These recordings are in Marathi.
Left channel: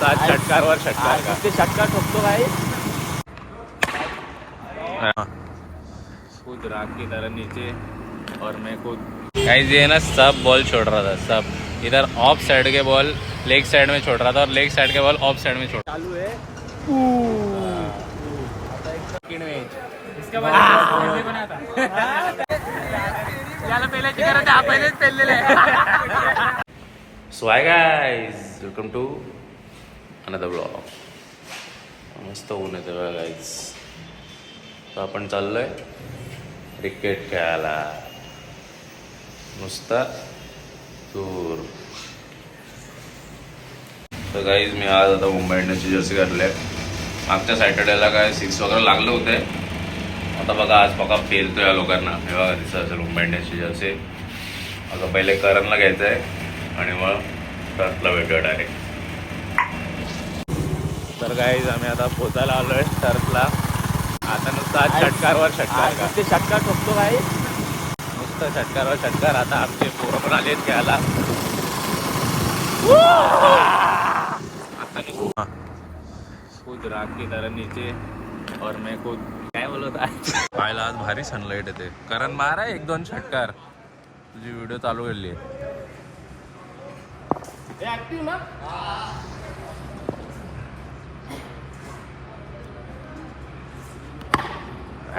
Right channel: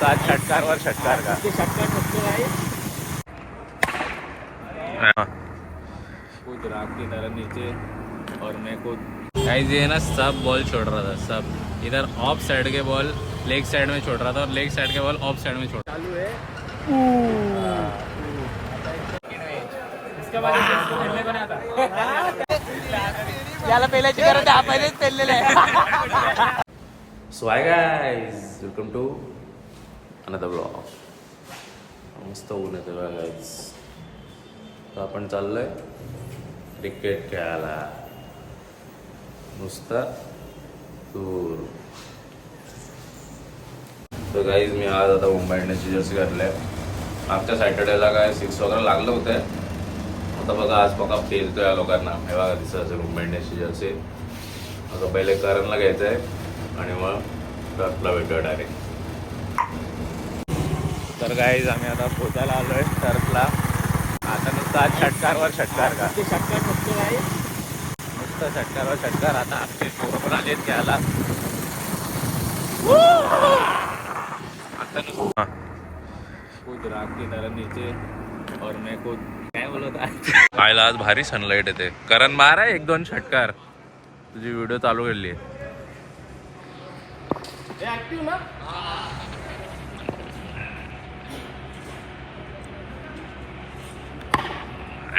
नुसता षटकारवर षटकार का षटकार ठोकतो भाई. कूद राख की तरह नीचे और मैं कूद. गाइस ये ना सब बॉल छोड़ रहा था, सब इधर of side K ball leg side में छोड़ रहा था और leg side K ball of side में छोड़. चालू आहे. आता इसका बाद पहले बना था. त्याला पहिल्याची गरज आहे, पहिलेच पेललेले आहे. So hi guys, welcome to another blog. मस्त ऊन येते बघा गाइस. तर आपण चाललोय क्रिकेट खेळायला नुसता दूर. तर गाइस मी आज आता मुंबई इंडियन्सची जर्सी घातली आहे. मागच्या सॅटर्डेला काय 6 वगैरे लागलं होते. आता बघा आज बघा पेलतो या लोकांना. हे बघा दिसत असेल मुंबई इंडियन्सची जर्सी. आता पहिले करणला घ्यायचं आहे आणि मग टर्फला भेटूया डायरेक्ट. तर गाईज आम्ही आता पोचायला आलो आहे टर्फला. आता नुसता षटकारवर षटकार का षटकार ठोकतो भाई. नुसतं षटकारवर षटकार. आता आमचे पोरं पण आलेत खेळायला. आता कूद राख की तरह नीचे और मैं कूद. काय बोलत आहे आयला आज भारी सनलाईट येते. करण मार आहे 1-2 षटकार. तुझी व्हिडिओ चालू केली आहे. ऍक्टिव्ह ना.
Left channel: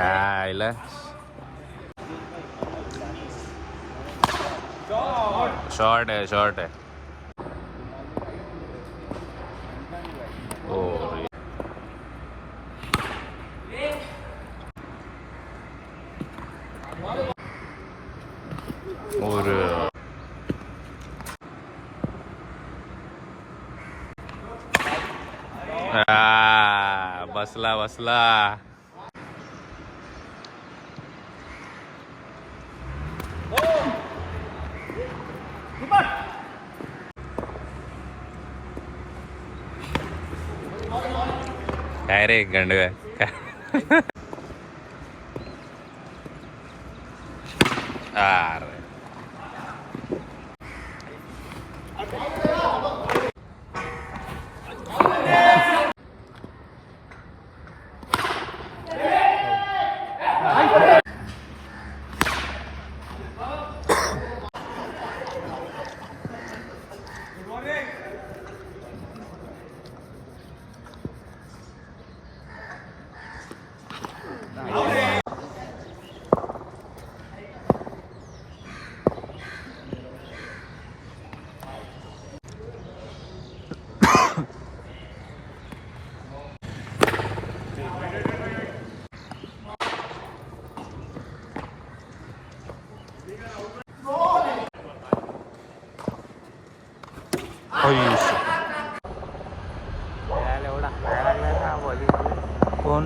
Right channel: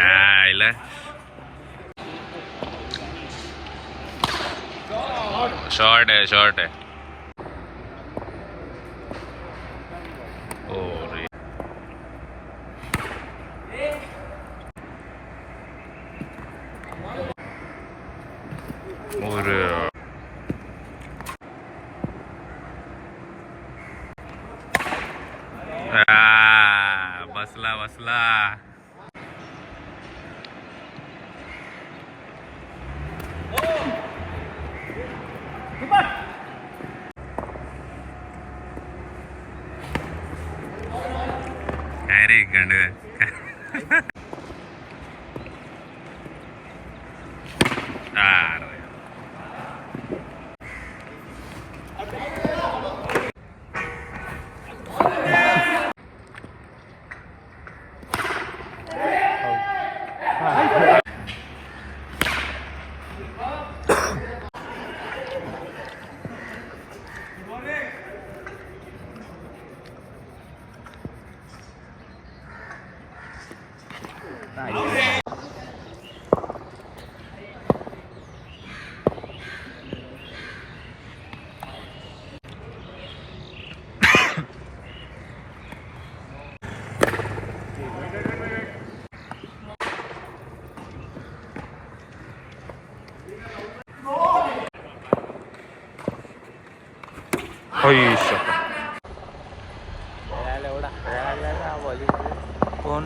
आयला शॉर्ट आहे, शॉर्ट आहे. ओ रे. और बसला बसला. काय रे गंडग. अरे कोण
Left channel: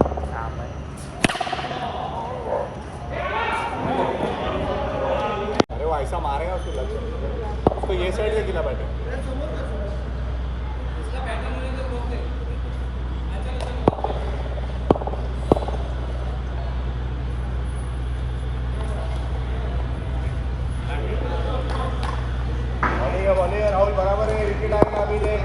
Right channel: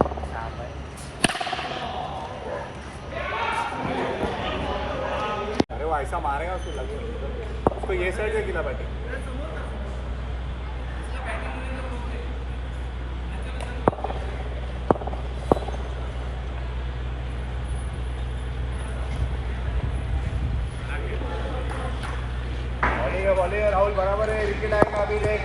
अरे वो ऐसा मारेगा उसको लग. उसको ये साइड से दिला पाहिजे. राहुल बराबर है. विकेट आएगा अभी. देख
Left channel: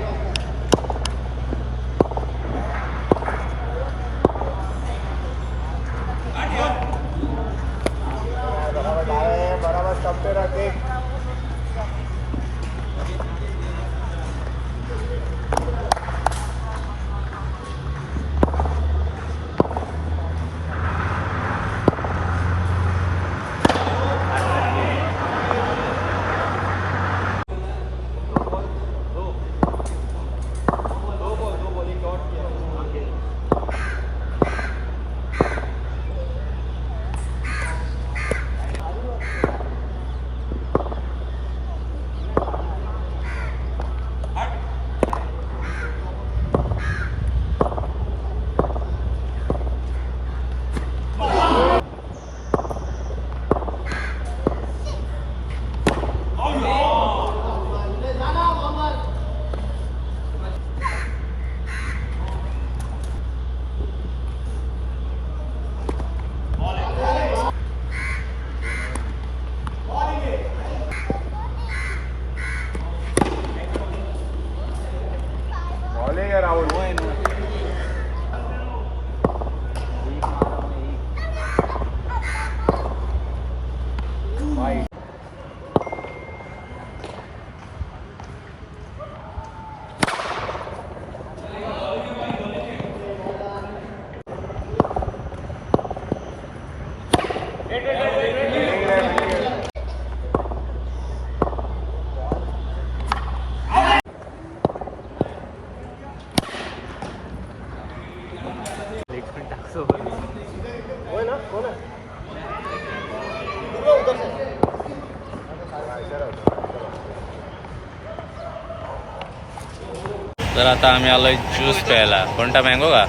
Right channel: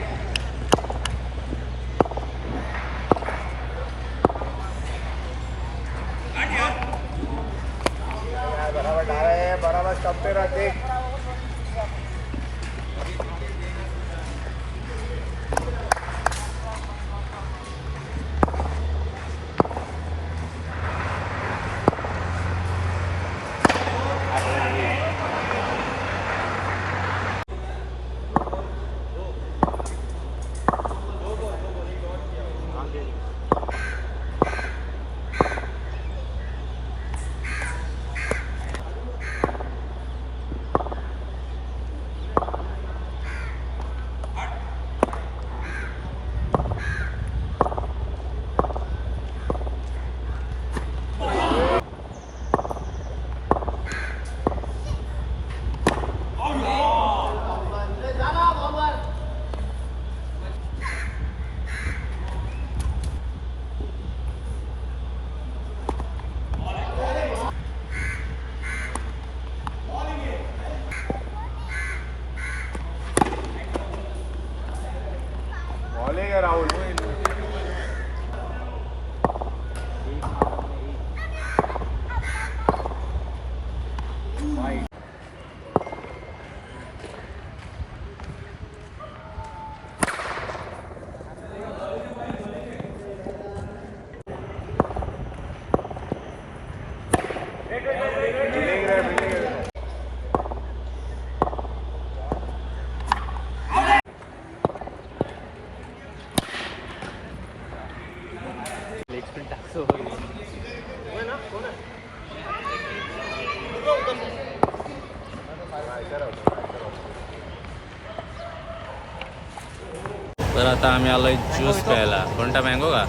तर आता आम्ही आलोय ज्यूस प्यायला. कोणता मँगो का?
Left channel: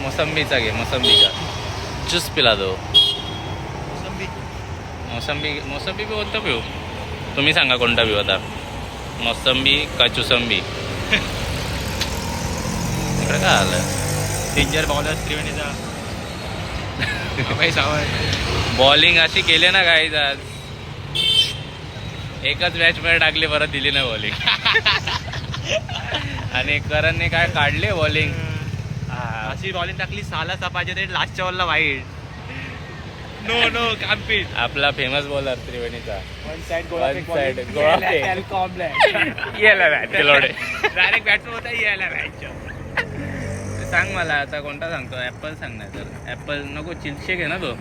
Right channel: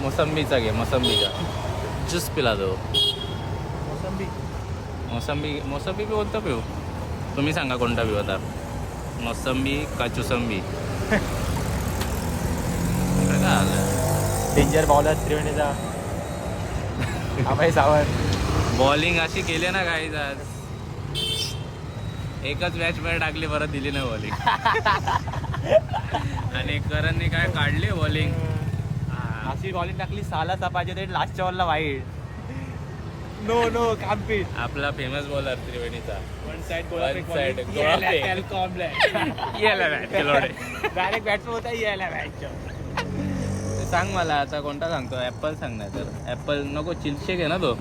मोसंबीचा घे, मोसंबीचा ज्यूस पिला दो. मोसंबी कोणतं पिऊ? तुम्ही सांगा कोणता पिऊ आता, मोसंबी का चुसंबी? इकडे काय आलं? डेंजर बॉलर त्रिवेणीचा बॉलिंग अशी केली ना काही आज, एकच मॅच मध्ये टाकली, परत दिली नाही बॉलिंग. आणि करणने काय काढली बॉलिंग, अशी बॉलिंग टाकली साला पाहिजे ते लास्टच्या बॉलला वाईट. नो कॅम्पिट. आपला फेमस बॉलर त्रिवेणीचा. वन साइड डायरेक्ट बॅट्समन होता यायला मॅच. सांग मला आता कोणता सांगतो? ऍपल सांग. नाही तर ऍपल नको, चिल्कशेक आहे ना तो,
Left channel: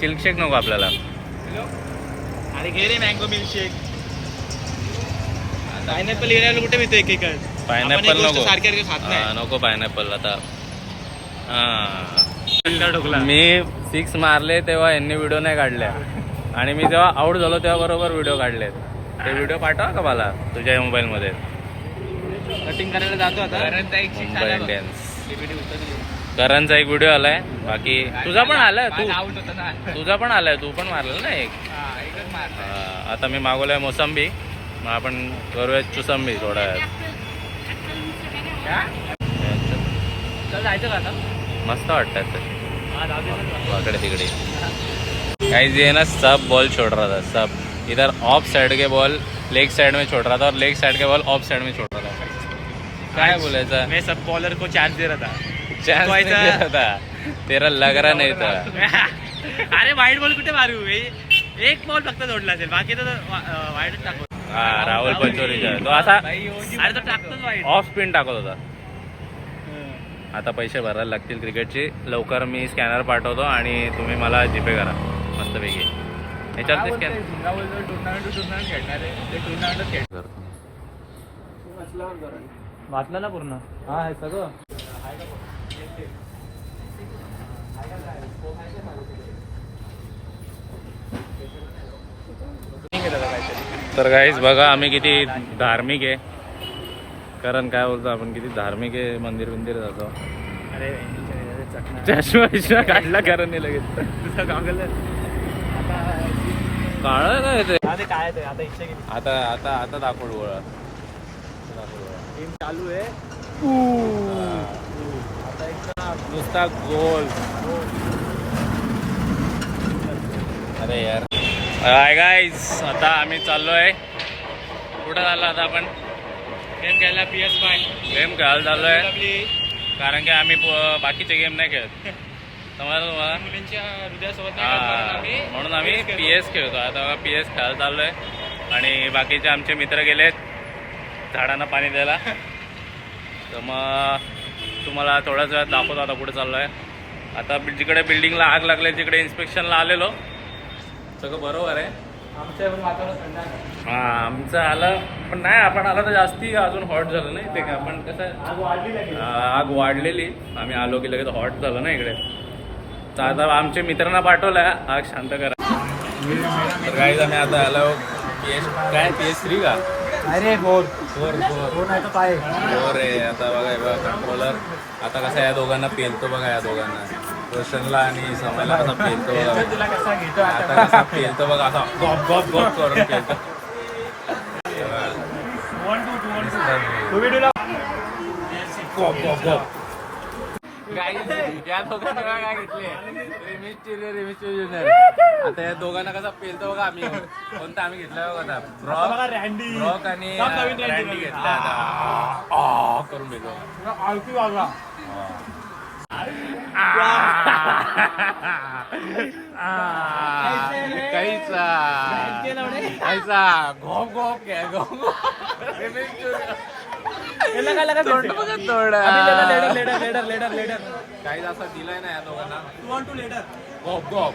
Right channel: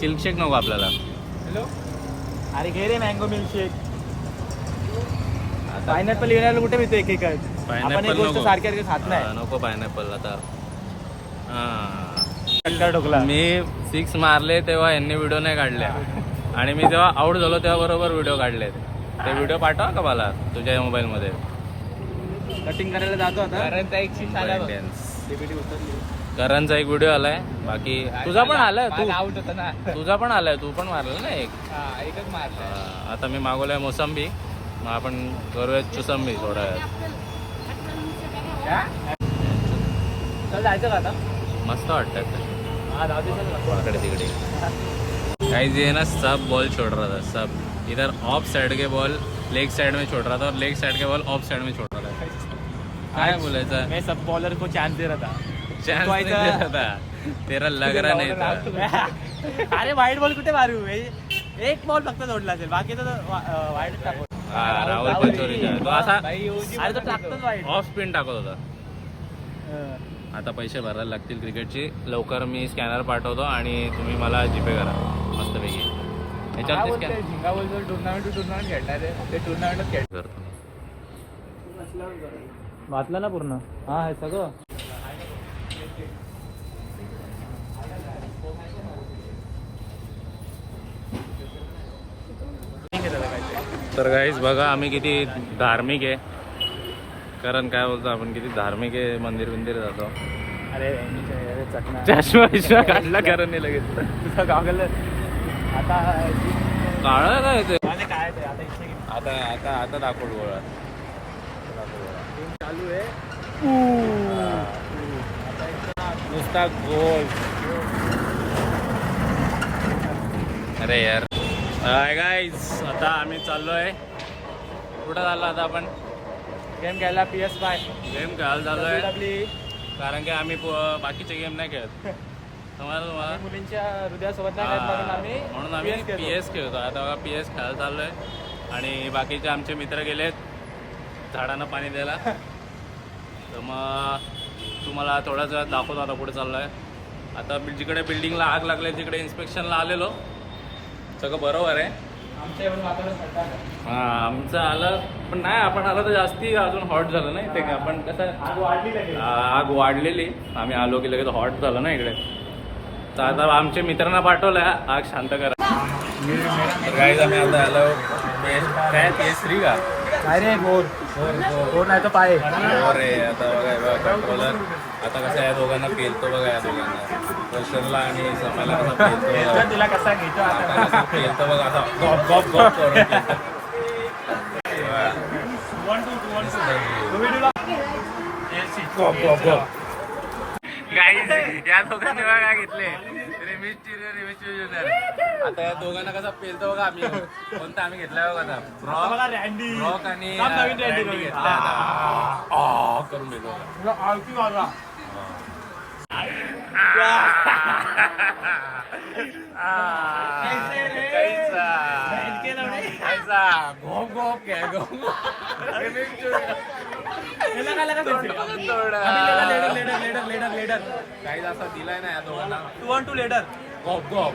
चिल्कशेक नको आपल्याला. अरे घे रे मँगो मिल्कशेक. पायनॅपल एरियाला कुठे मिळतो एक एकच. पायनॅपल नको, सारखे खात नाही. नको पायनॅपल आता. ठोकला. मी 6 मारले तेव्हा यांनी व्हिडिओ नाही काढल्या, आणि मी जेव्हा आउट झालो तेव्हा बरोबर व्हिडिओ काढलेत. ते व्हिडिओ पाठवा का मला तुझ्या मोबाईल मध्ये? कटिंग करायला जातो आता. मुंबई इंडियन्स करणचा एक व्हिडिओ आलाय. बाकी तुझा पण आलाय, तुझा पण आलाय, तू पण मारला ना एक. आता मी मागवलंय मोसंबी, मग आपण करूया चुसंबी थोडा वेळात. मस्त वाटतात तसे वाकडे तिकडे. काही जे है ना सब बॉल छोड़ रहा था, सब इधर of side K ball leg side में छोड़ रहा था, और leg side K ball of side में छोड़ रहा था. काय बोलायचं? मैं सब बॉलर को चांस दे रहा था. चांस नहीं दे रहा था, तेरा लग रहा नहीं था. अरे वाईट बॉल कुठे मारू? एक बॉल फक्त जोडला असेल, बाकी तर वाईटच टाकतो. हा राहुल पंचोरीचा तो असा अरे तो टाकतोच वाईट. ऑफ स्पिन टाकत होता. आता पैसे भरायला लागतील क्रिकेटचे. लवकर मी स्कॅनर पाठवतो आणि तुम्ही मला जीपे करा मस्तपैकी. याच्यावरती स्कॅन करतो. वाचलं ना पूर्ण? हा हे सगळं. तर गाईज बघा आम्ही किती धार्मिक आहे. कारण काय बोलतो आपण, किती धार्मिक आहे. मंदिर जातो. अरे चष्मा काढला कारण नाही लगेच. तुझं गॉगल आता काळा काय ते काय ते आता इच्छा केली. आता दाखवड गोळा चालू आहे. आता एकदम नुसता गोल. अरे यार. हाय गाईज, आता आम्ही चाललोय. कुठं चाललो आता आपण? गेम खेळायला PS5 गेम खेळायला चाललोय. कारण की आम्ही बाकीचे गेम नाही खेळत. तुम्हाला मुलींच्या हृदयासोबत म्हणून आम्ही PS खेळतो. आता बघा PS खेळायला चाललोय, आणि बाकीचे आमचे मित्र गेलेत झाडांना पाणी द्यायला. तर मग तुम्हाला थोड्याच वेळात दाखवतो आता कुठे चाललो आहे. आता जिकडे बिल्डिंगला आग लागली तिकडे इन्स्पेक्शनला आलेलो. सगळं बरोबर आहे. हां आमचं आलं, पण नाही आपण आलं तर जास्ती अजून हॉट झालं नाही ते. आपण कसं आग वाढलेली, आम्ही आलो की लगेच हॉट झालं ना इकडे. तर आता आमच्या मित्रांना पाठवलं आग शांत करा. तर गाईज आम्ही आता आलो PS3 का काय रे? फोर नाही तर पाय. रे आता बघा कंट्रोलर. आता कसं आहे दोघांना पेलतो बघा, या दोघांना रोशनला आणि सोम्याला कसा पेलतो बघा. तिला कसा घेतो आता? पेलतो बघा असा गॉप गॉप गॉप करून पेलतो. गॉप गॉप गॉप. गाईज या दोघांनी बघा काय घेतले, आता या दोघांना कसा पेलतो बघा. आम्ही कोणता आम्ही घेतलाय बघा आता, ब्रॉक आणि रँडी घेतलाय आता. करून देतो घोप घोप काय घोप. काही असा दिलाय ना या दोघांना. 2-2 लेटर. घोप घोप.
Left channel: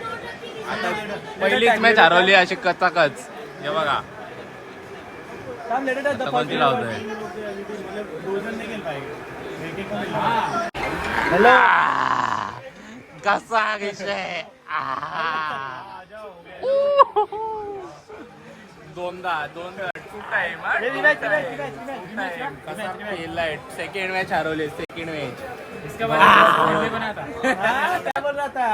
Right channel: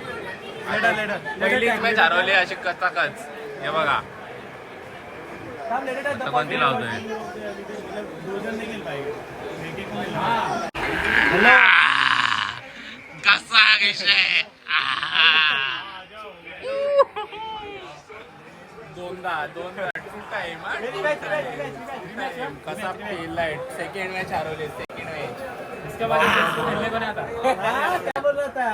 आता पहिलीच मॅच हरवली अशी कचाकच. हे बघा आता कोणती लावतोय. कसा विषय. दोनदा टू टाइम. असा पेला आहे. सेकंड मॅच हरवली. सेकंड मॅच इसका बाद पहले बना था. क्या बोल रहा था?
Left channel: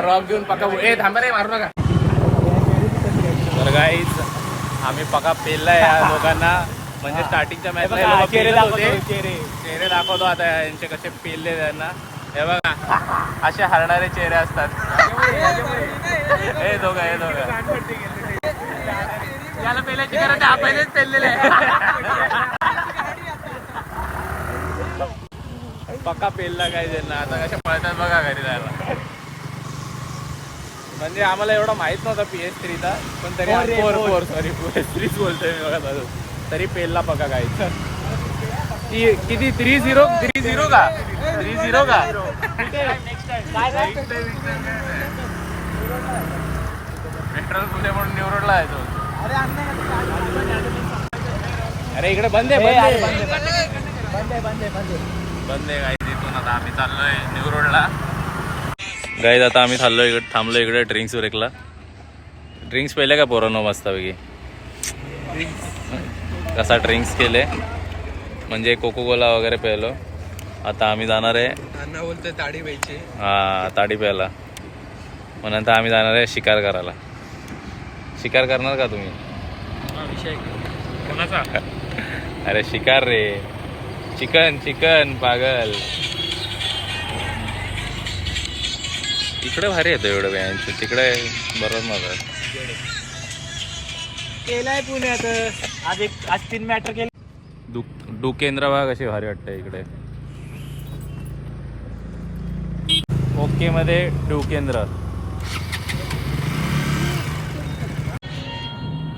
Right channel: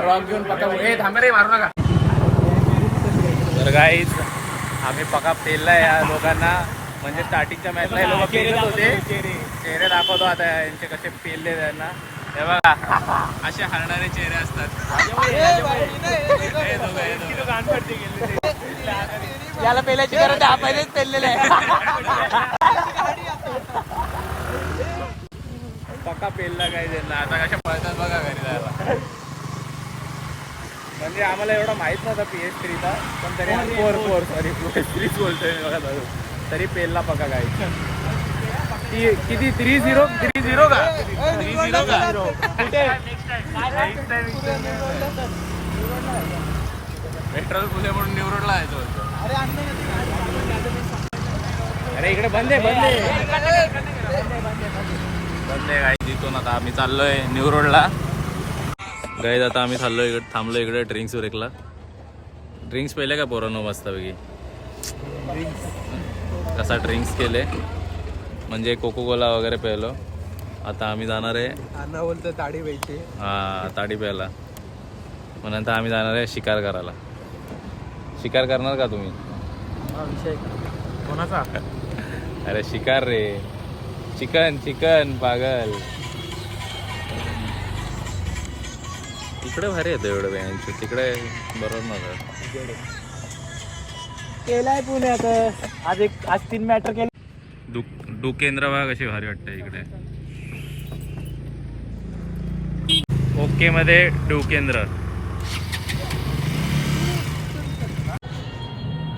रॉक घेऊन पक्का ए थांबा रे, मारू नका. तर गाईज आम्ही पक्का पेललाय या लोकांना. म्हणजे स्टार्टिंगच्या मॅचला हे लोक पेलत होते. चेहरे दाखवतो आता यांचे कसे पेलले त्यांना. हे बघा असे हरणारे चेहरे असतात. हे दोघं त्याला पेल्याची गरज आहे, पहिलेच पेललेले पक्का पेलला काय त्यांना. आता कशा पळतात बघा घरी जायला. म्हणजे आम्हाला एवढा माहित नव्हता PS3चा, पण तरी 4 सॉरी PS3 बोलतोय मी बघा. तरी पेलला पक्का काय. किती 3-0 का 3-0 का. पेट्रोल फुले म्हणून न्यूरोडला आहे तो. अरे इकडे बंद आहे गाईज. तिथून आता आम्ही चाललोय न्यू रोडला. गाईज आता आम्ही थांबलो इकडे ड्रिंक्स ब्रेकला. ड्रिंक्स पेले का पोरांनो मस्तपैकी. कसा ड्रिंक्स केले म्हणजे कोको कोला वगैरे प्यायलो. आता आम्ही जाणार आहे अण्णा बोलतोय ताडी प्यायची. हा ताडी प्यायला. मग नंतर आम्ही जाणार आहे शिकार करायला. शिकार करणार का तुम्ही? कोणाचा? अरे शिकार रे, चिकन पागल. इकडे भारी येतो एवढं व्यायांचं. तिकडे बरोबर नव्हतं. केलाय पुण्यात आज 3 मॅटर केले. डुकेंद्र बघा कशी भारी वाटते इकडे. ओके मध्ये डुकेंद्र.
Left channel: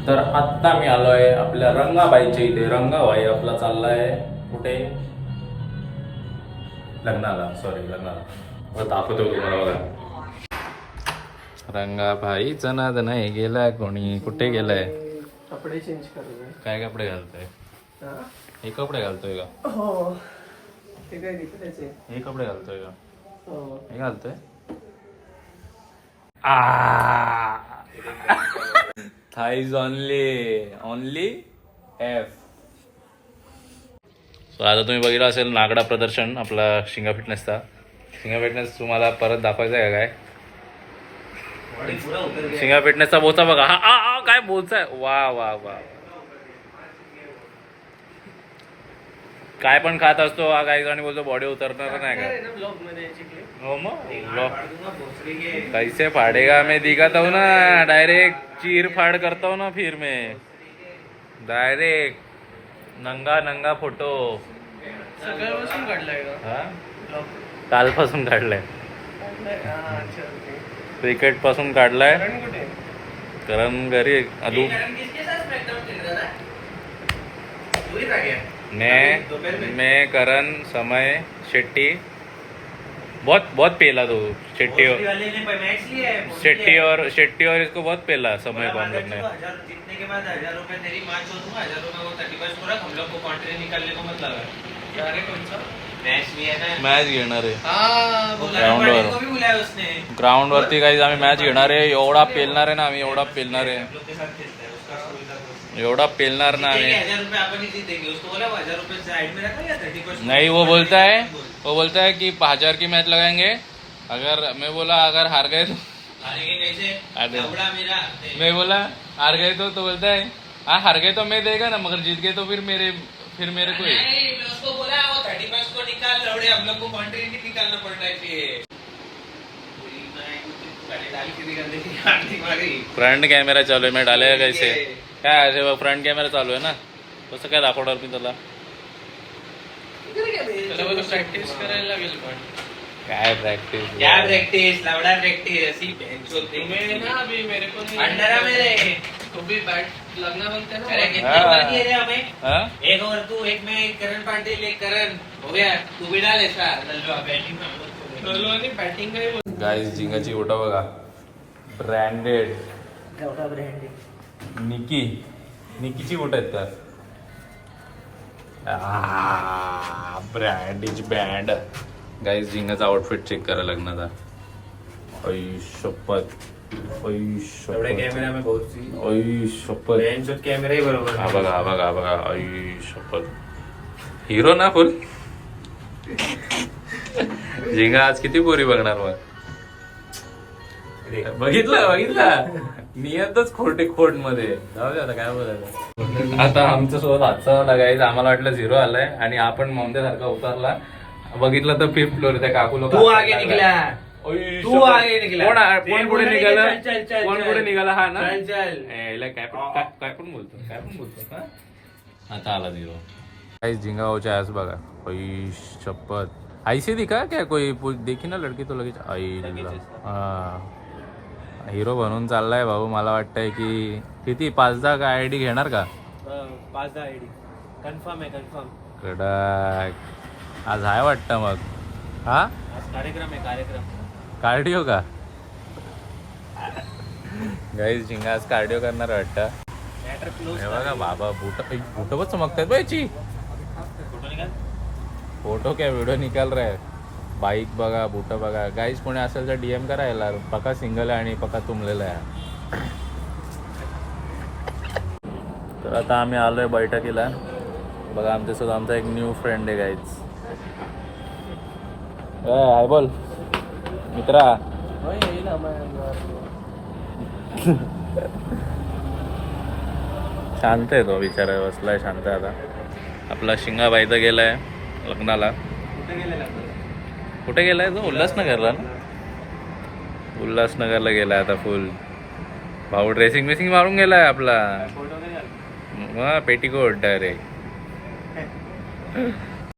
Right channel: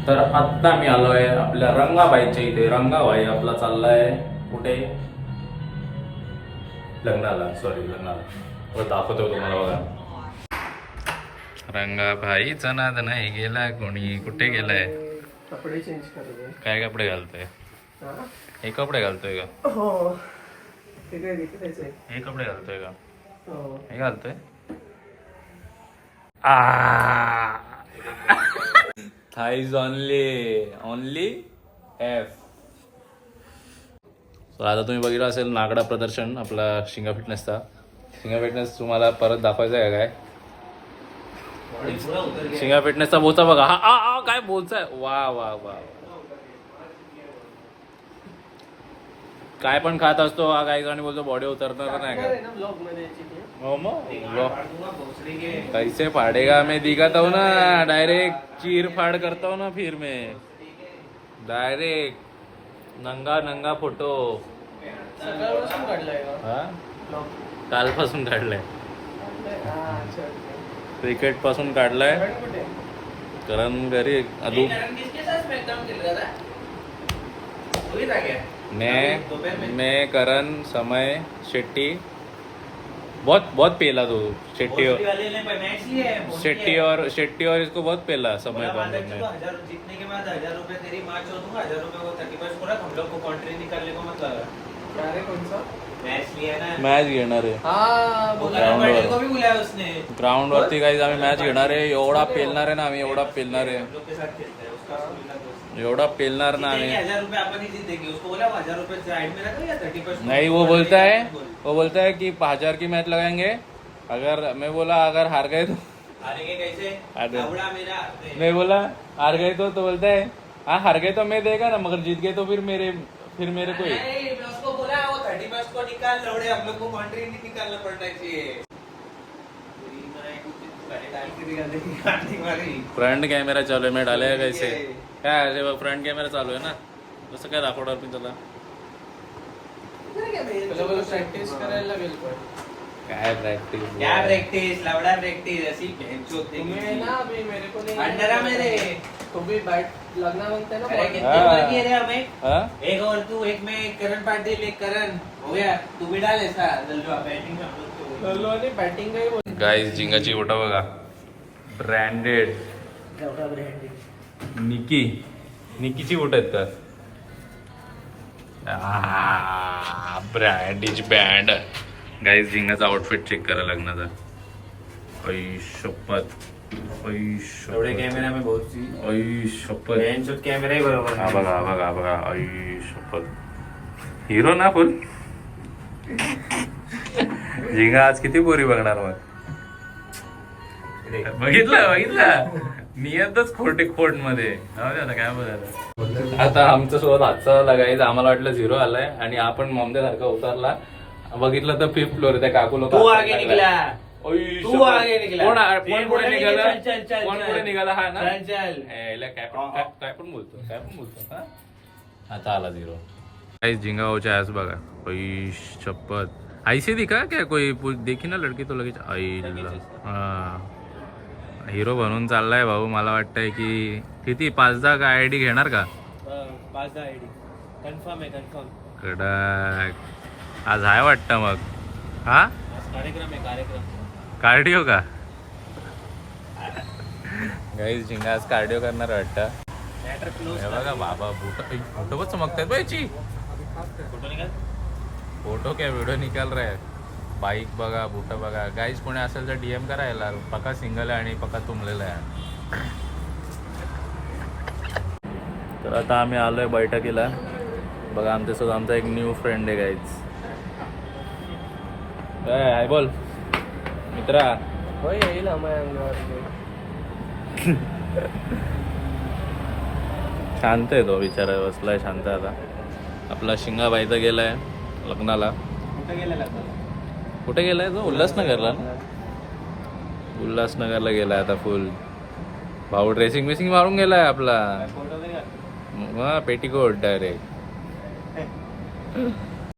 तर आत्ता मी आलोय आपल्या रंगाबाईच्या इथे. रंगाबाई आपला चाललाय कुठे? लग्नाला. दाखवतो तुम्हाला बघा. रंगाबाईचा नाद नाही गेला कोणी. कुठे गेलाय? कपडे चेंज करतोय. काय कपडे घालतोय? हे कपडे घालतोय का? हो ते काय दिसतंय. हे कपडे घालतोय का? हो हे घालतोय. Thighs only F. सो आता तुम्ही बघितलं असेल नागडा प्रदर्शन आपला शिंगा फिटनेसचा. शिंगा फिटनेस तुम्हाला परत दाखवायचा आहे काय? शिंगा फिटनेसचा बोचा बघा. हा काय बोचा आहे. वा काय पण खात असतो हा. काही जणी बोलतो बॉडी उतरणार नाही का? हो मग कैसे फाड़ेगा मैं दिखाता हूँ ना. डायरेक्ट चीर फाड़ करता हूँ ना. फिर मैं डायरेक्ट नंगा फोटो. सकाळपासून काढलाय का? हा कालपासून काढलाय. क्रिकेट पासून काढलाय. करण घरी अदू. मैं करण समय शेट्टी. बहुत पेला तो शेट्टी और इसको बहुत पेला समय को हम लोग ने. जीतने के बाद 1000 रुपए तेरी माँ को दूंगा. 1000 रुपए को 30 को रख. हम लोग को कॉन्ट्री निकालने को मत लगा. अरे कोणचा मैच भी है ना. मॅच घेणार आहे हा ग्राउंड वर. को भी बुलाया उसने. ग्राउंड वरती काही आम्ही मॅच घेणार आहे. एवढा पेलणार आहे ना आम्ही. एवढा पेलणार आहे. हम लोग के साथ खेलता है उसका. एवढा पेलणार ना आम्ही. 1000 रुपए अपन ही जीतेंगे. उसको बोला 1000 रुपए साइड में रखो या 30%. नहीं वो बोलता है कि 1000 की मैच लगाएंगे. अगर मैं बोला अगर हार गए तो हारेंगे कैसे? अरे। लौड़ा मेरा. मैं बोला हार गए तो बोलता है हाँ हार गए तो मैं देगा ना मगर जीत गए तो फिर मेरे को ही. नहीं, मैं उसको बोला वो 30% को निकाल. लौड़े हम लोग को कॉन्ट्री निकालना पड़ता है. इसलिए फ्रंट कॅमेरा चालू आहे. मी डाले कैसे काय असे फ्रंट कॅमेरा चालू आहे ना. कसं काय दाखवणार मी त्याला? प्रॅक्टिस करायला लागेल. पण काय प्रॅक्टिस. क्या प्रैक्टिस? लौड़ा प्रैक्टिस. ऐसी बेंच होते तुम्ही ना अभी मेरे को नहीं अंडर है मेरे. तो भी बैट लगना बनता है ना. अरे कितने हाँ। ओवर किए रे हमें? हाँ? एक ओवर तू, एक में करण पाटिल, एक करण. हो गया. तू भी डाल ऐसा. लल्लू बैटिंग में हम लोग को. बॅटिंग काही गाईज झिंगाची फोटो बघा. ब्रँडेड निकीची फोटो आहेत का? ब्रँडेज बँड. गाईज झिंगाचा आउटफिट चेक करा लग्नाचा. शपथ एवढे कॅमेरा में बहुत सी शपथ शॉट कॅमेरा बरोबर हा बघा हा बघा हा बघा शपथ हिरो ना फुल झिंगा आज किती पोरी बघणार मग बघितलं नियतच खोट मध्ये जाऊ दे आता काय बोलायचं. आता आमचं सोबत हातचा लागायचं आम्हाला वाटलं 0 आलाय आणि आपण मॉमदे सारखा उतरला बघितलं तर 5th फ्लोअर त्या काकू लोक तू आगे निकला तू आगे निकला कोण पुढे निघाला चल कोण पुढे निघाला हा ना चल काय पण बोलतो हा? आता आला 0 काही झिंगा होच्या आज बघा शपथ ऐसी दिखा क्या कोई देखी ना लड़की तो लगेच हिरो बनून चाललाय भाऊ. मला वाटतंय की किती 5-10 का आयडी घेणार का 5-10 आयडी कन्फर्म आहे कन्फर्म. कडक आज आहे वाटतं मग हा कार्यक्रम आहे कार्यक्रम. कार्डिओ का गाईज झिंगा आज कार्डिओ करणार वाटतं. हे बघा बाबा फोटो पण चमकतात बायची फोटो क्या व्हिडिओ निकाल रहे बाईक बघा बुट बघा. गाईज कोणी असेल तर DM करायला पक्का सिंगल आहे आणि पक्का तुंबलेला आहे. तर आता आम्ही आलोय बैठकीला बघा आमच्यासोबत आमचा एक न्यू फ्रेंड आहे गाईज. हाय बोल मित्रा. शांत आहे तो बिचारा बसलाय शांत. आता आपला शिंगाबाईचा गेलाय लग्नाला. कुठे गेलाय तो उल्हासनगरला ना उल्हासनगरला गेलाय आता फुल भाऊ. ड्रेसिंग बेसिंग मारून गेलाय आपला पेटीकोट डायरेक्ट.